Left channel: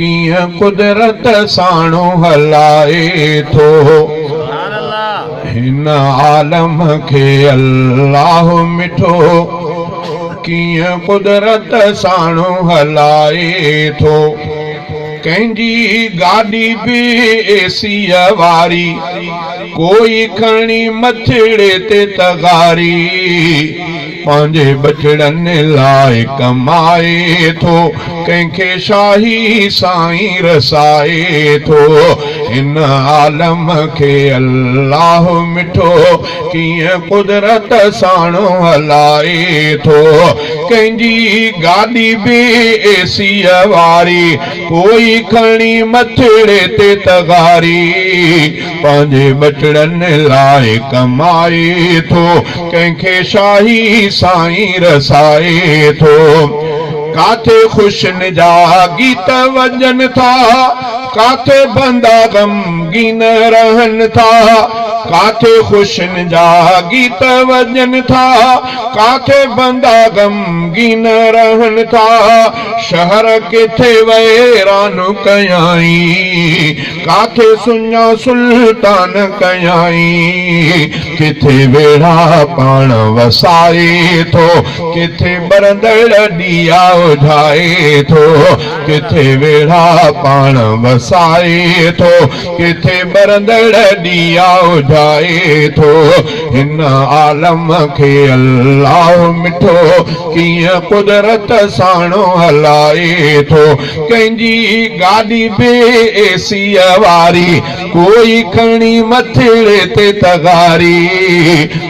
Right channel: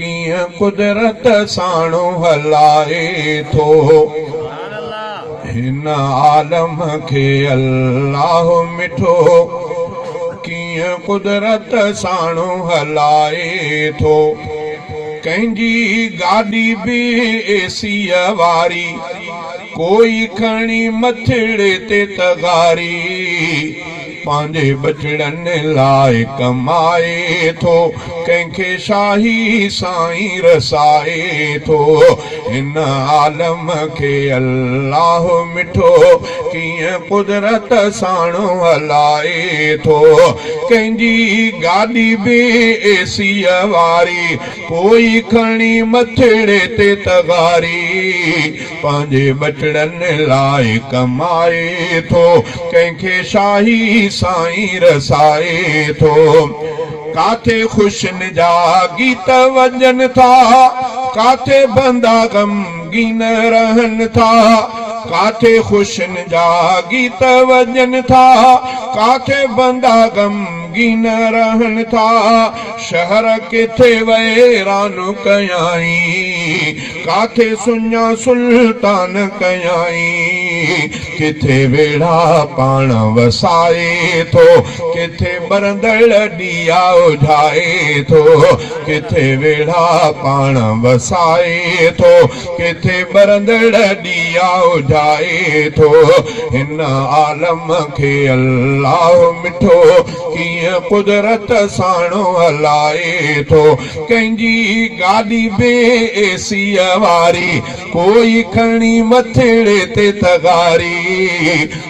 कीअं कुदरत साणो हलाए थो। हिन आलम खे अल्लाह मिठो कीअं कुदरत साणो हलाए थो। कंहिंजी गाॾी बि एसीअ वारी कोई खणी मथिड़े ते तगारी पंहिंजे बचड़नि लाइ कमाए थो। कंहिंखे शाही साईं रसाए थो। हिन आलम खे अल्लाह मिठो कीअं कुदरत साणो हलाए थो। कंहिंजी गाॾी बि एसीअ वारी कोई खणी मथिड़े ते तगारी पंहिंजे बचड़नि लाइ कमाए थो। कंहिंखे शाही साईं रसाए थो। काथे ख़ुशियुनि जा गीत वॼनि था, काथे बंदा ग़मगीन रहनि था। काथे ख़ुशियुनि जा गीत वॼनि था, काथे बंदा ग़मगीन रहनि था। शहर किथे वैरान कयाई, काथे सुञा सुल्तान कयाई। किथे वेड़ा पाण वसाए थो, किथे बरंदड़ ॾिया उझाए थो। किथे वेड़ा पाण वसाए थो, किथे बरंदड़ ॾिया उझाए थो। हिन आलम खे अल्लाह मिठो कीअं कुदरत साणो हलाए थो। कंहिंजी गाॾी बि एसीअ वारी कोई खणी मथिड़े ते तगारी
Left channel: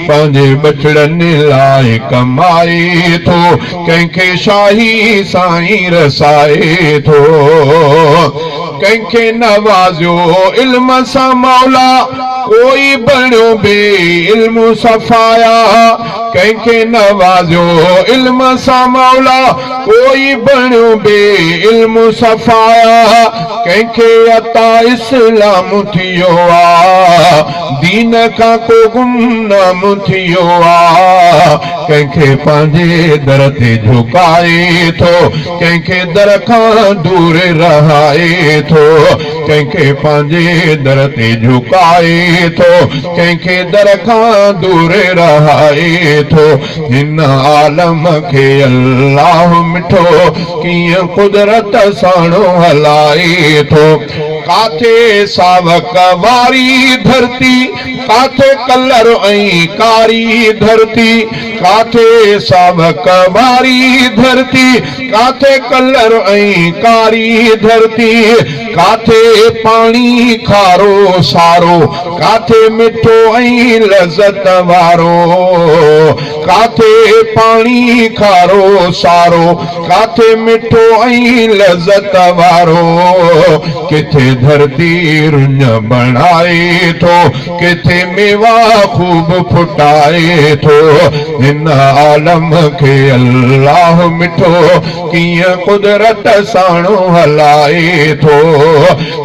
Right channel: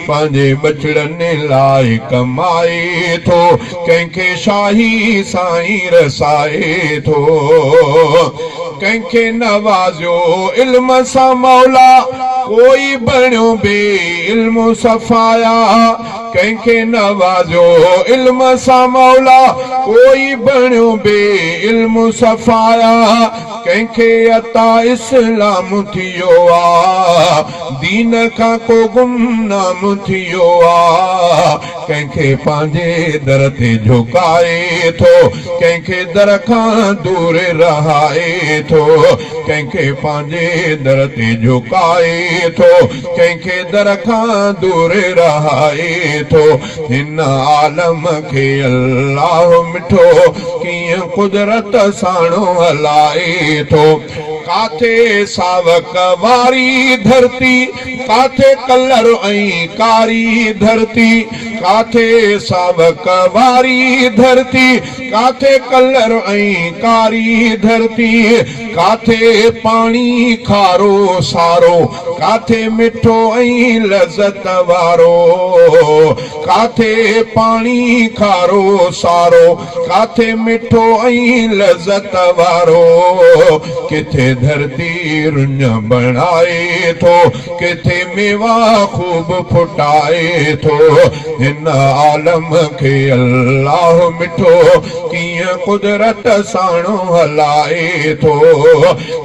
पंहिंजे बचड़नि लाइ कमाए थो। कंहिंखे शाही साईं रसाए थो। कंहिंखे नवाज़ियो इल्म सां मौला कोई बणियो बे इल्म सफ़ाया। कंहिंखे नवाज़ियो इल्म सां मौला कोई बणियो बे इल्म सफ़ाया। कंहिंखे अता इस्लाम थियो आ, दीन खां को गुमनाम थियो आ। कंहिंखे पंहिंजे दर ते झुकाए थो, कंहिंखे दर खां दूर रहाए थो। कंहिंखे पंहिंजे दर ते झुकाए थो, कंहिंखे दर खां दूर रहाए थो। हिन आलम खे अल्लाह मिठो कीअं कुदरत साणो हलाए थो। काथे सावक वारी धरती, काथे कलर ऐं कारी धरती। काथे सावक वारी धरती, काथे कलर ऐं कारी धरती। काथे पाणी खारो सारो, काथे मिठो ऐं लज़त वारो। काथे पाणी खारो सारो, काथे मिठो ऐं लज़त वारो। किथे धरती रुञ बणाए थो, किथे मेवा खूब फुटाए थो। हिन आलम खे अल्लाह मिठो कीअं कुदरत साणो हलाए थो।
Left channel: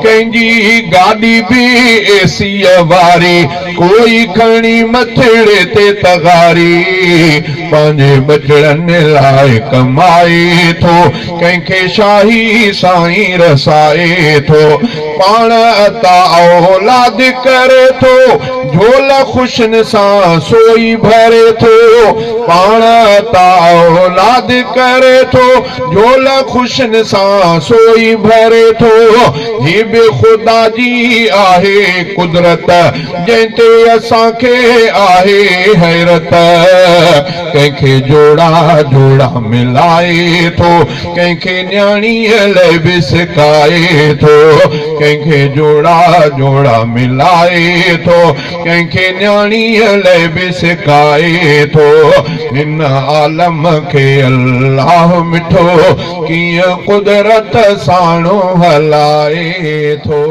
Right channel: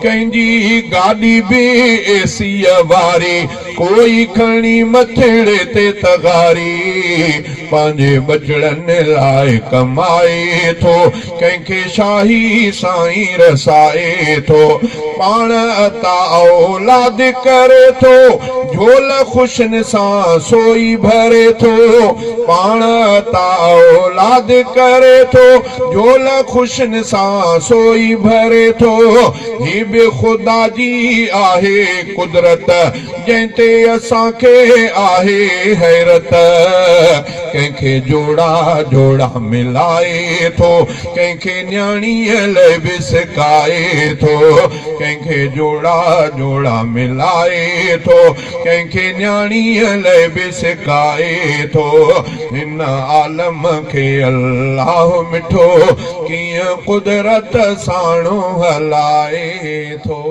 कंहिंजी गाॾी बि एसीअ वारी कोई खणी मथिड़े ते तगारी पंहिंजे बचड़नि लाइ कमाए थो। कंहिंखे शाही साईं रसाए थो। पाण अता औलाद करे थो, झोल ख़ुशियुनि सां सोई भरे थो। पाण अता औलाद करे थो, झोल ख़ुशियुनि सां सोई भरे थो। ही बि ख़ुदा जी आहे कुदरत, जंहिं ते असांखे आहे हैरत। कंहिंखे जोड़ा जोड़ा मिलाए थो, कंहिंखे न्याणीअ लाइ बि सिखाए थो। कंहिंखे जोड़ा जोड़ा मिलाए थो, कंहिंखे न्याणीअ लाइ बि सिखाए थो। हिन आलम खे अल्लाह मिठो कीअं कुदरत साणो हलाए थो।